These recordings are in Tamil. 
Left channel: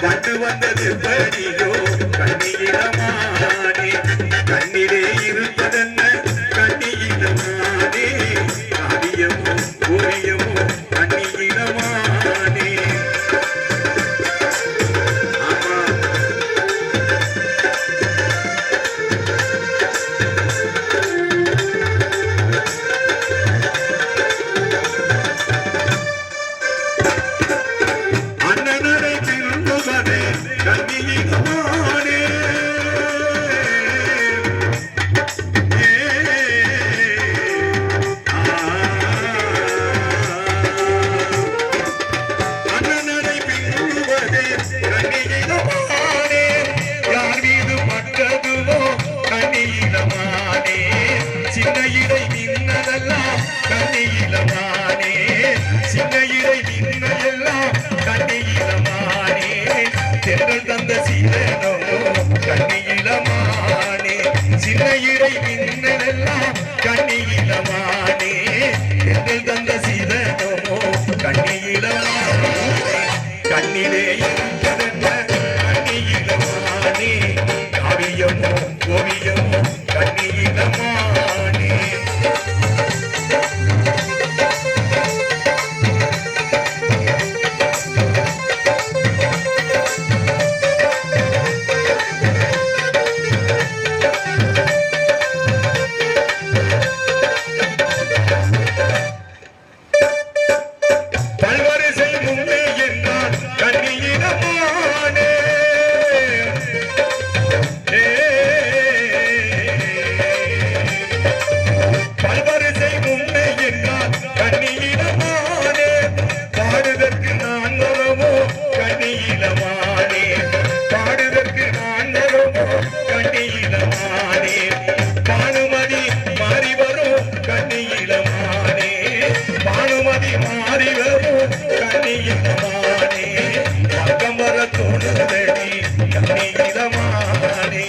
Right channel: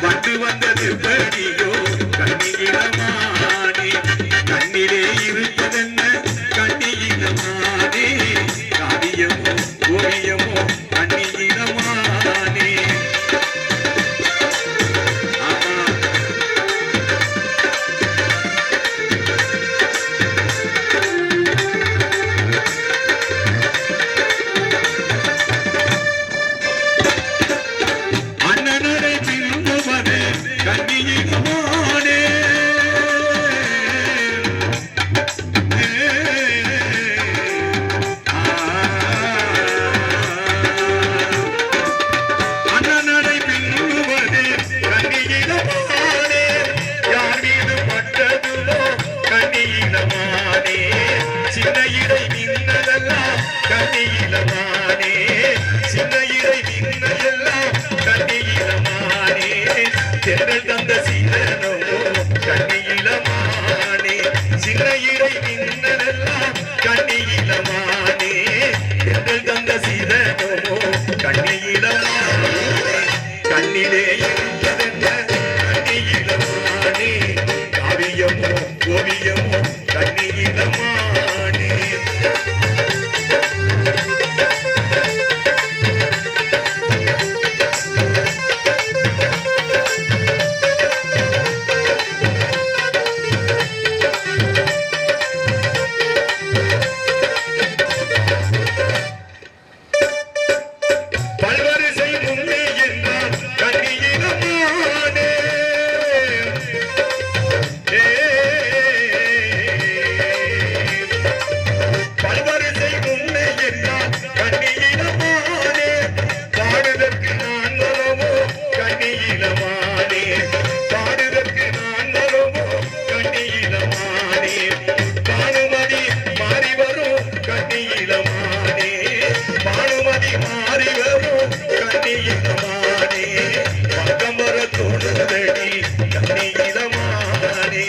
வந்து வந்தது படியோ கண்ணியிடமானே கண்ணிலே தென்றல் தந்த சீரனோ கண்ணியிலமானே சின்ன இறை நின்னதெல்லாம் கண்ணியிலமானே. தென்றல் தந்த சீரனோ கண்ணியிலமானே கண்ணிலே இருந்ததென்ன கண்ணியிடமானே காவியமோ பக்கம் வர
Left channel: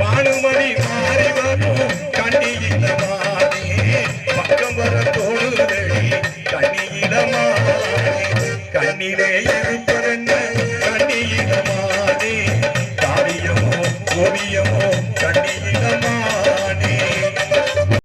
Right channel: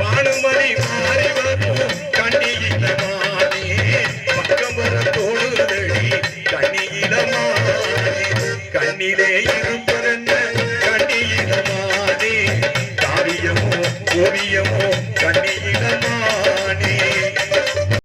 பானுமதி மாறி வரும் கண்ணியிடமானே பக்கம் வர தோணுதடி கண்ணியிடமானே கண்ணிலே இருப்பதென்ன